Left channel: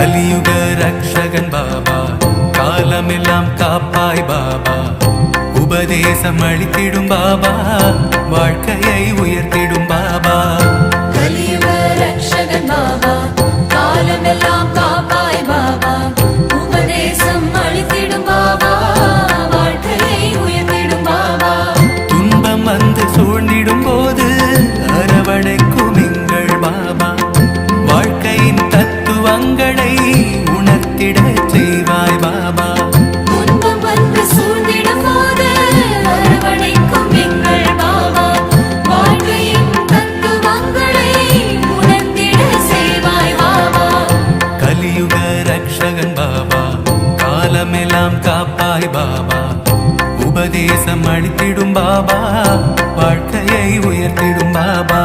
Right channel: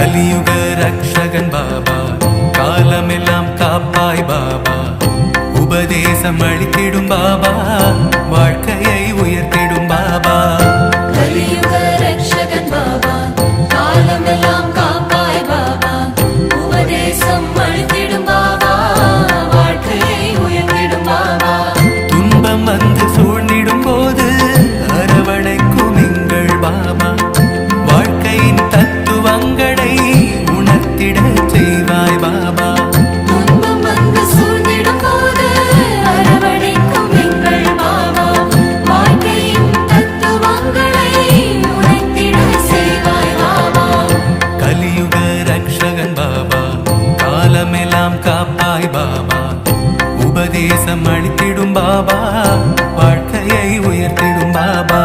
கலியுக ரக்ஷகன் பாபா, காலமெல்லாம் காப்பாய் பாபா, உபதேசம் அளித்திடும் பாபா, வாழ்க்கையை உயர்த்திடும் பாபா. கலியுக ரக்ஷகன் பாபா, காலமெல்லாம் காப்பாய் பாபா, உபதேசம் அளித்திடும் பாபா, வாழ்க்கையை உயர்த்திடும் பாபா. துன்பம் வந்து சூழ்ந்திடும் போது அரவணைக்கும் எங்கள் பாபா, வாழ்க்கையின் தத்துவங்களை உணர்த்திட செய்வாய் பாபா. துன்பம் வந்து சூழ்ந்திடும் போது அரவணைக்கும் எங்கள் பாபா, வாழ்க்கையின் தத்துவங்களை உணர்த்திட செய்வாய் பாபா. கலியுக ரக்ஷகன் பாபா, காலமெல்லாம் காப்பாய் பாபா, உபதேசம் அளித்திடும் பாபா, வாழ்க்கையை உயர்த்திடும் பாபா.